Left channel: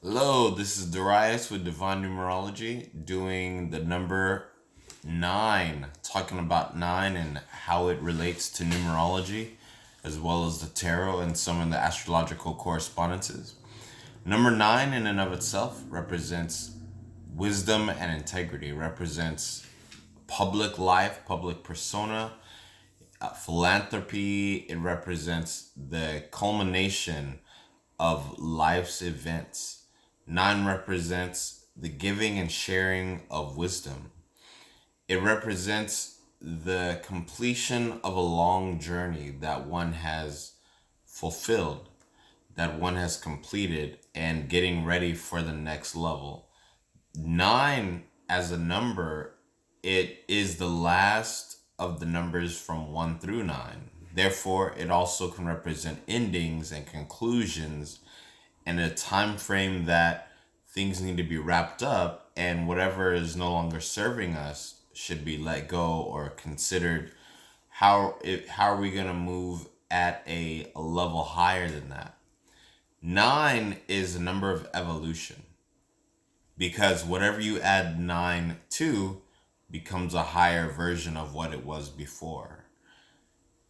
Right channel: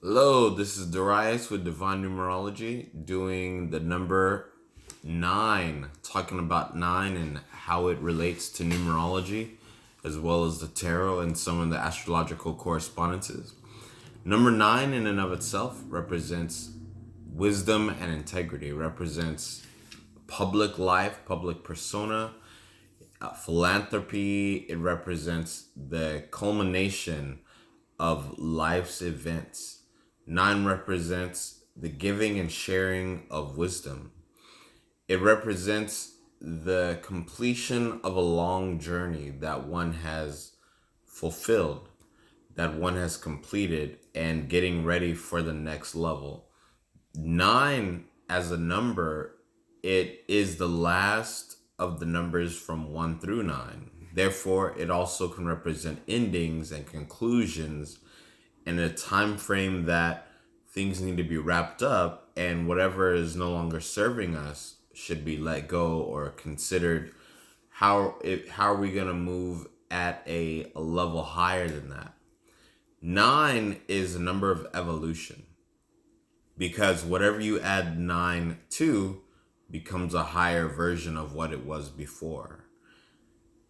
Hello, this is Darius with Divine Numerology doing the number 9, talking about 9 and how it relates to numerology, as well as the tarot and some of the astrological correspondences. Number 9 in and of itself represents wisdom and integrity, represents public life, public persona, philanthropy. It represents the culmination of life's events. 9 represents the giving and sharing of wisdom. It represents the completion of a long journey that one has fulfilled, that one has completed, and getting ready for the next level. 9 as a number, it is the last of the numbers from 1 through 9. Therefore, it also can represent endings and conclusions and a time frame that things need to be wrapped up, and whatever is no longer serving us should be let go or considered. How are we going to move at a level higher than that? 9 is a number of evolution, because whatever you add 9 to becomes a higher version of what it was before.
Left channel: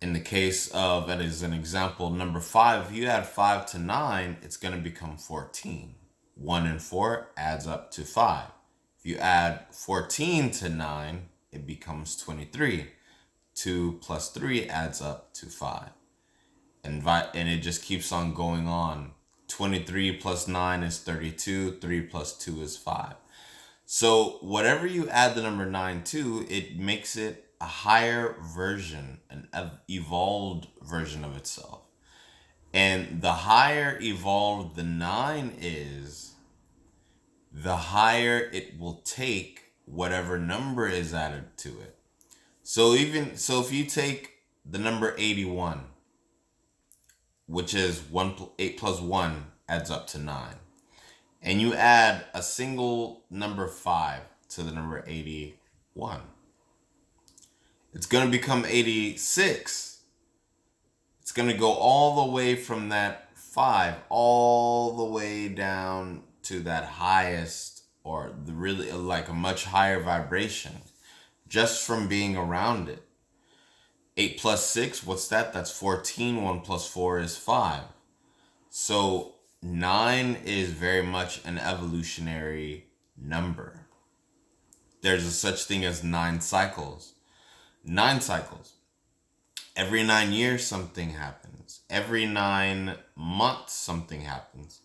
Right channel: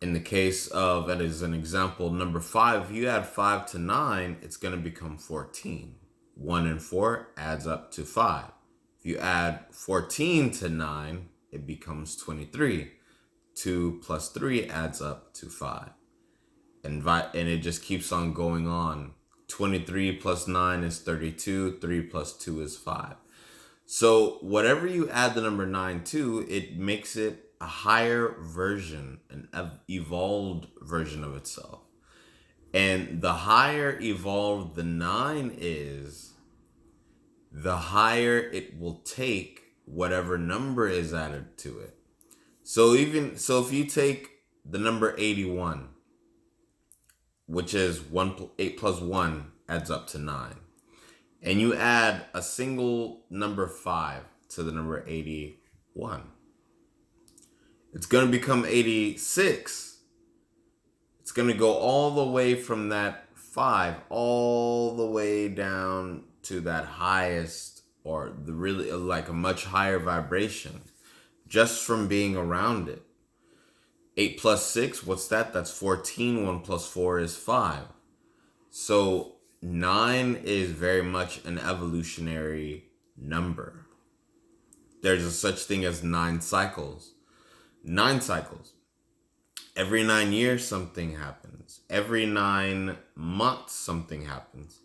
In the case of, as an example, number 5, if you add 5 to 9, it's going to become 14. 1 and 4 adds up to 5. If you add 14 to 9, it becomes 23. 2 plus 3 adds up to 5. And it just keeps on going on. 23 plus 9 is 32. 3 plus 2 is 5. So whatever you add the number 9 to, it makes it a higher version, an evolved version of itself. And the higher evolved the 9 is, the higher it will take whatever number is added to it. So if you take the number 81, which is 8 plus 1 adds up to 9, and you add a single number 5 to the number 81, it's going to become 86. It's going to go all the way from that 5 all the way down to that highest, or the really like a much higher vibration, just from being around it. 8 plus 6, what's that? That's 14. 1 plus 4 is 5. So 9 is very much an evolutionary number. There's a such thing as 9 cycles. 9 cycles. Every 9 years, something happens. Every 9 months, something happens.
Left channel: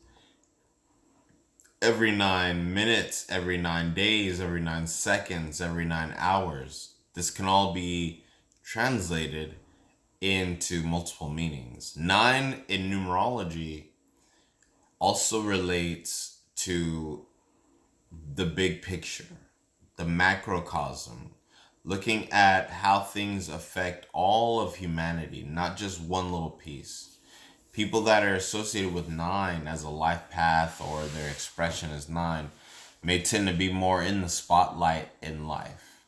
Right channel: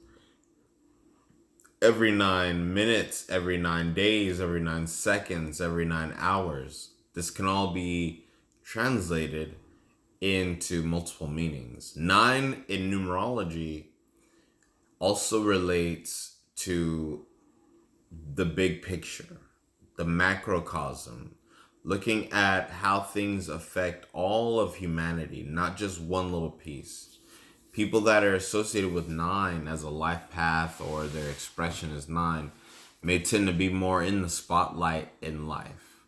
Every 9 minutes, every 9 days, every 9 seconds, every 9 hours. This can all be translated into multiple meanings. 9 in numerology also relates to the big picture, the macrocosm, looking at how things affect all of humanity, not just one little piece. People that are associated with 9 as a life path, or their expression as 9, may tend to be more in the spotlight in life,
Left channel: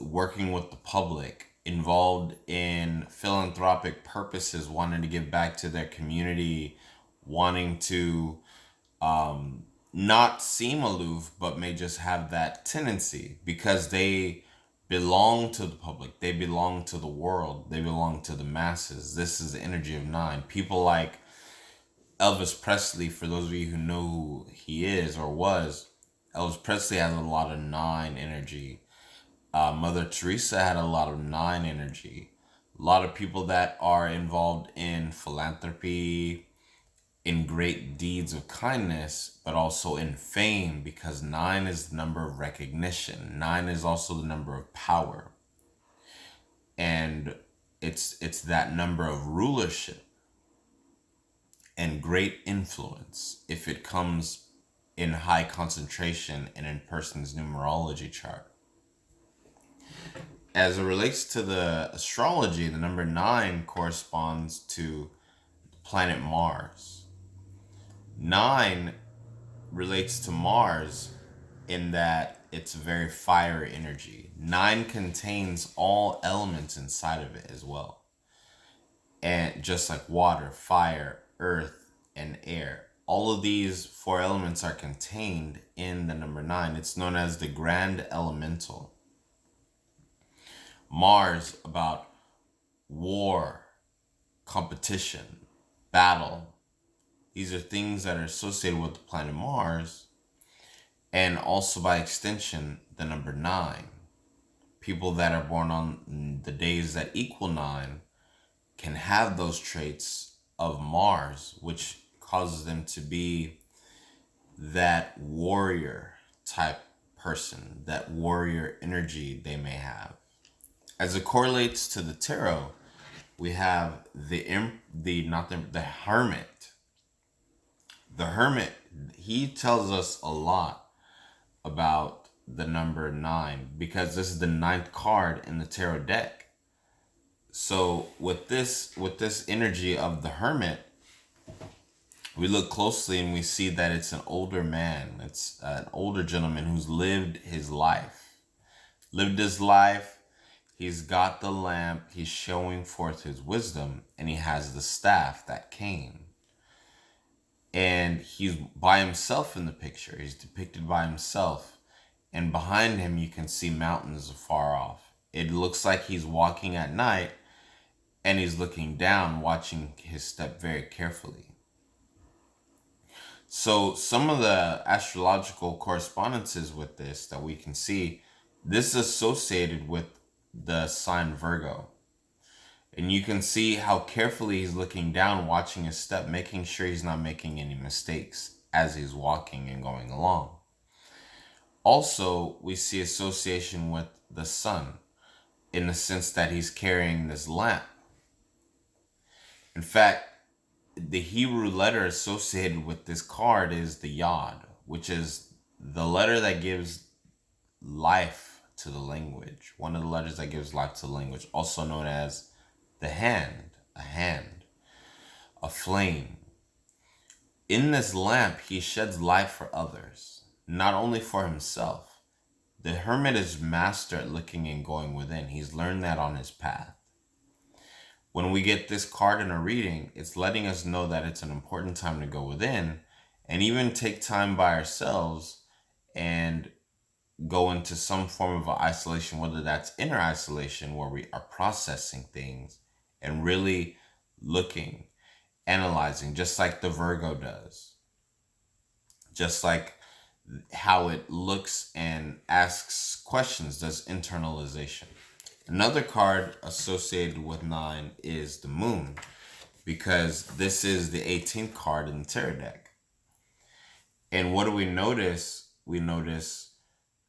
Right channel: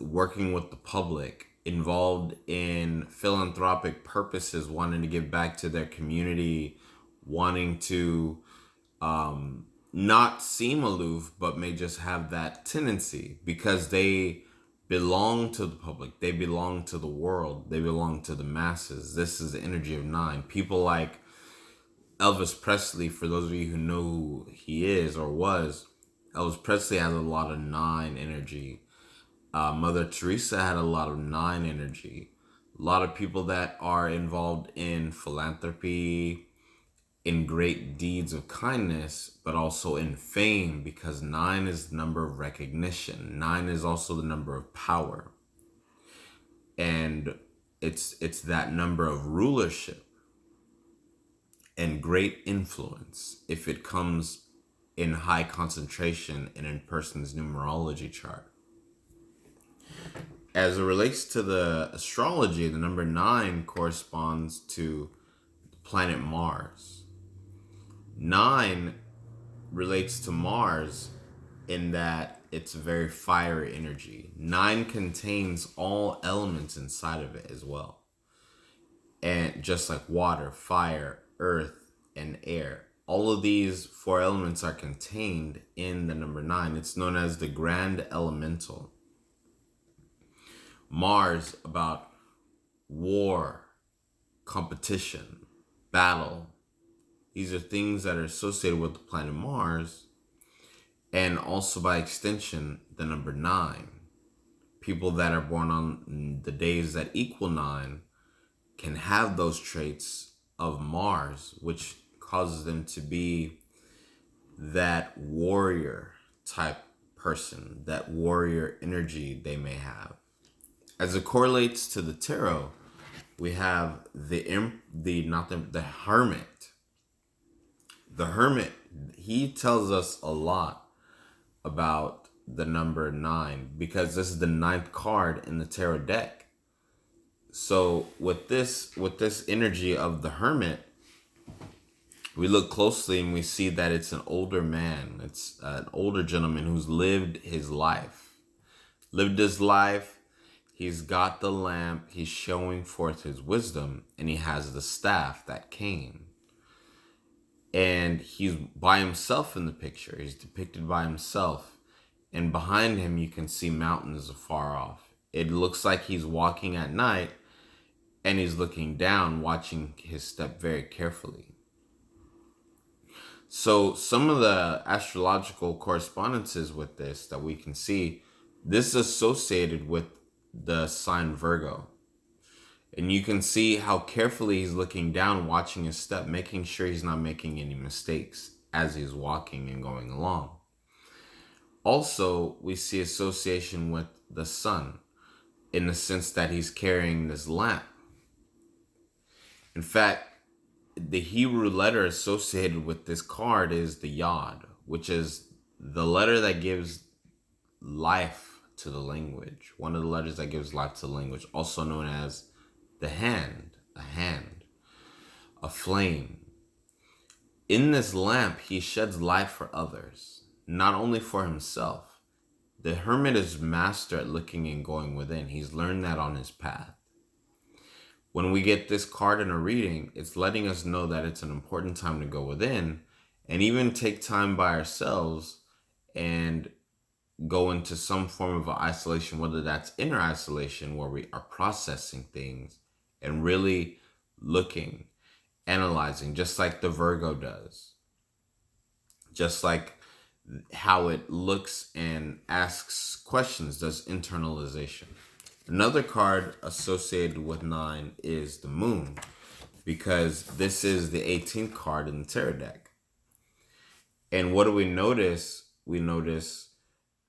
working with the public, involved in philanthropic purposes, wanting to give back to their community, wanting to not seem aloof, but may just have that tendency because they belong to the public, they belong to the world, they belong to the masses. This is the energy of 9. People like Elvis Presley, for those of you who know who he is or was, Elvis Presley has a lot of 9 energy. Mother Teresa had a lot of 9 energy. A lot of people that are involved in philanthropy, in great deeds of kindness, but also in fame, because 9 is the number of recognition. 9 is also the number of power. And it's that number of rulership and great influence if it comes in high concentration in a person's numerology chart. As it relates to the astrology, the number 9 corresponds to the planet Mars. 9 relates to Mars in that it's very fiery energy. 9 contains all elements inside of it as well. And just like water, fire, earth, and air. all of these four elements are contained in the number 9. It's known as the Grand Elemental. Mars, about war, competition, battle. These are things that are associated with the planet Mars, and also by extension, the number 9. People that are born on the days that equal 9 can have those traits of Mars, which causes them to be that warrior type person, that warrior energy they may have. As it correlates to the tarot, we have the hermit. The hermit, he tells us a lot about the number 9 because this is the 9th card in the tarot deck. So with this energy of the hermit, we look closely and we see that it's an older man. It's an older gentleman who's lived his life. He's got the lamp. He's showing forth his wisdom, and he has the staff, that cane. And he's by himself in the picture. He's depicted by himself. And behind him, you can see mountains afar off. It looks like he's walking at night, and he's looking down, watching his step very carefully. So some of the astrological correspondences with this that we can see, this is associated with the sign Virgo. And you can see how carefully he's looking down, watching his step, making sure he's not making any mistakes as he's walking and going along. Also, we see association with the sun in the sense that he's carrying this lamp. In fact, the Hebrew letter associated with this card is the Yod, which is the letter that gives life to the language. One of the letters that gives life to the language, also known as the hand, a flame. In this lamp, he sheds light for others, not only for himself. The hermit is master at looking and going within. He's learned that on his path. When we get this card in a reading, it's letting us know that it's an important time to go within and even take time by ourselves and go into some form of isolation, whether that's inner isolation where we are processing things and really looking, analyzing, just like the Virgo does. Just like how it looks and asks questions, does internalization. Another card associated with 9 is the moon, because this is the 18th card in the tarot deck. And what do we notice? We notice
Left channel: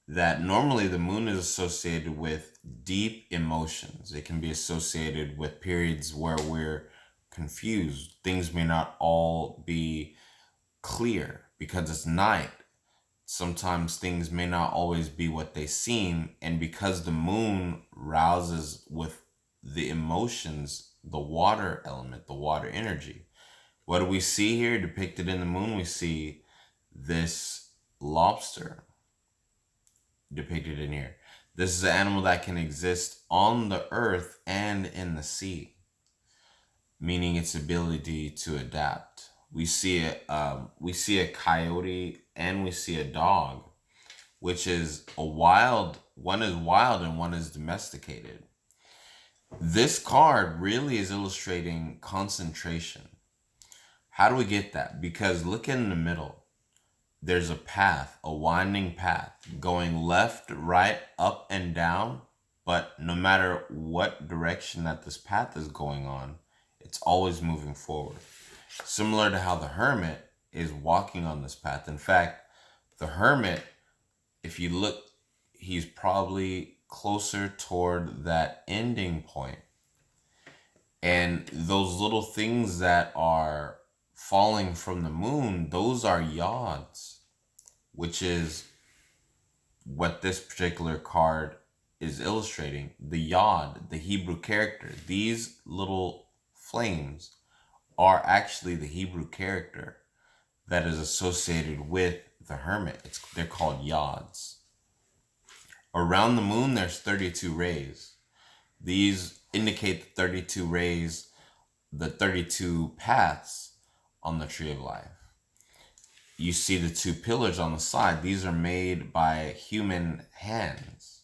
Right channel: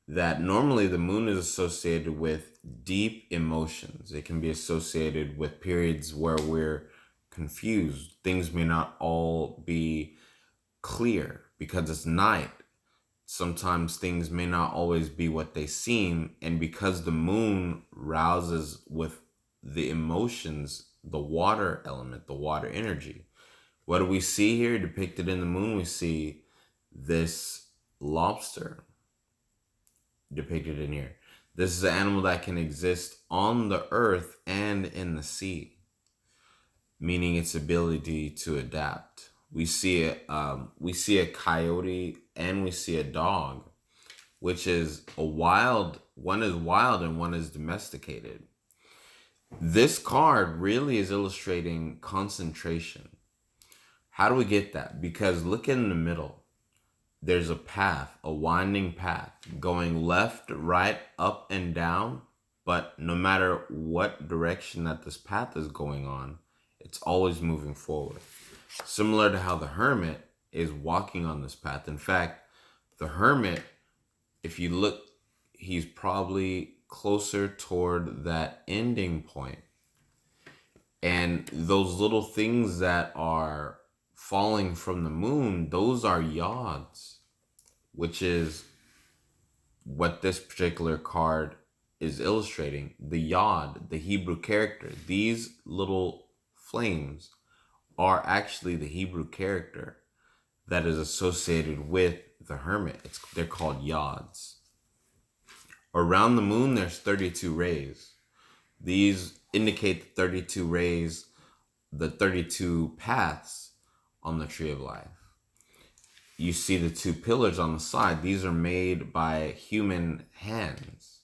that normally the moon is associated with deep emotions. It can be associated with periods where we're confused. Things may not all be clear because it's night. Sometimes things may not always be what they seem, and because the moon rouses with the emotions, the water element, the water energy. What do we see here depicted in the moon? We see this lobster depicted in here. This is an animal that can exist on the earth and in the sea, meaning its ability to adapt. We see a coyote and we see a dog, which is one is wild and one is domesticated. This card really is illustrating concentration. How do we get that? Because look in the middle. There's a path, a winding path, going left, right, up, and down. But no matter what direction that this path is going on, it's always moving forward. Similar to how the hermit is walking on this path. In fact, the hermit, if you look, he's probably closer toward that ending point. And those little things that are falling from the moon, those are yods, which is what this particular card is illustrating. The yod, the Hebrew character, these little flames are actually the Hebrew character that is associated with the hermit. They're called yods. Around the moon, there's 32 rays. These indicate the 32 rays, the 32 paths on the tree of life. you see the two pillars on the side. These are made by human hands.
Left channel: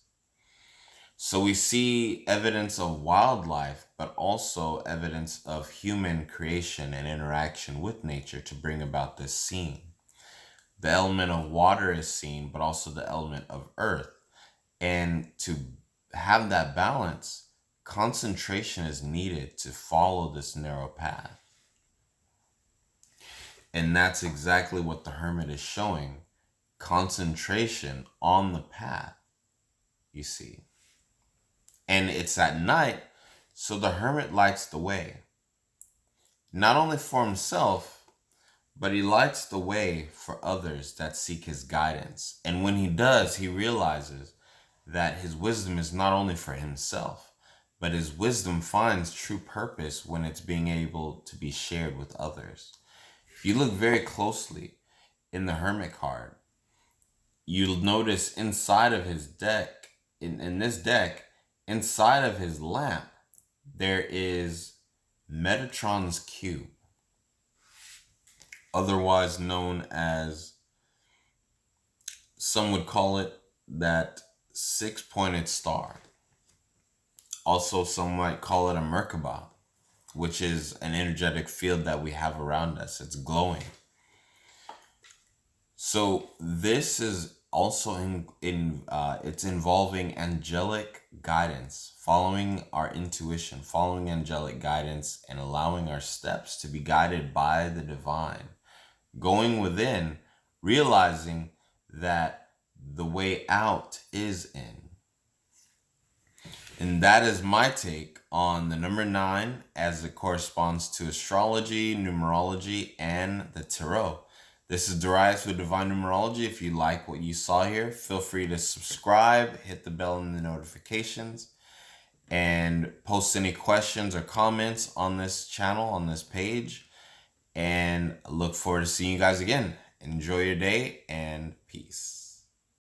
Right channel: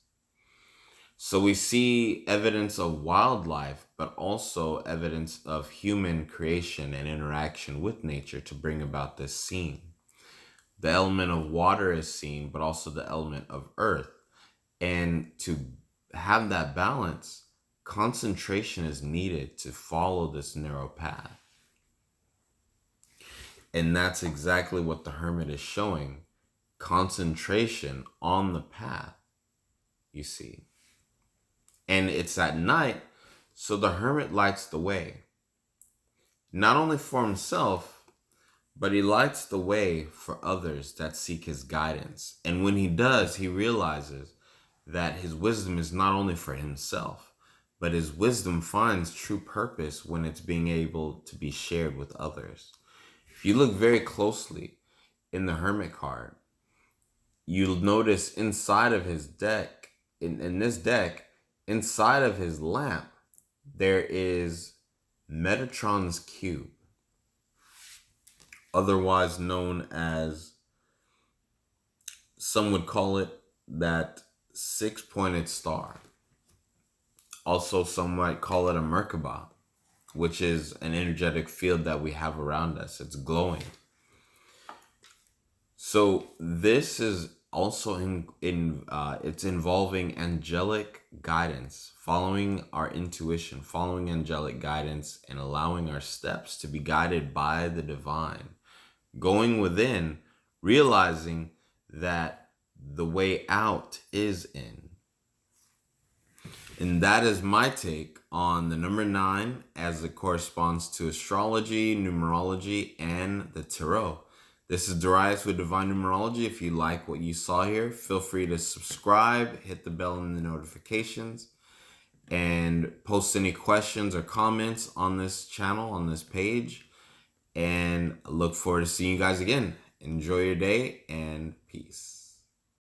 So we see evidence of wildlife, but also evidence of human creation and interaction with nature to bring about this scene. The element of water is seen, but also the element of earth. And to have that balance, concentration is needed to follow this narrow path. And that's exactly what the hermit is showing. Concentration on the path, you see. And it's at night, so the hermit lights the way. Not only for himself, but he lights the way for others that seek his guidance. And when he does, he realizes that his wisdom is not only for himself, but his wisdom finds true purpose when it's being able to be shared with others. If you look very closely in the Hermit card, you'll notice inside of his deck, in this deck, inside of his lamp, there is Metatron's cube, otherwise known as, some would call it, that six-pointed star. Also, some might call it a Merkaba, which is an energetic field that we have around us. It's glowing. So this is also it's involving angelic guidance, following our intuition, following angelic guidance, and allowing our steps to be guided by the divine. Going within, realizing that the way out is in. And that is my take on the number 9 as it corresponds to astrology, numerology, and the tarot. This is Darius with Divine Numerology. If you like what you saw here, feel free to subscribe, hit the bell and the notifications, and post any questions or comments on this channel, on this page. And I look forward to seeing you guys again. Enjoy your day and peace.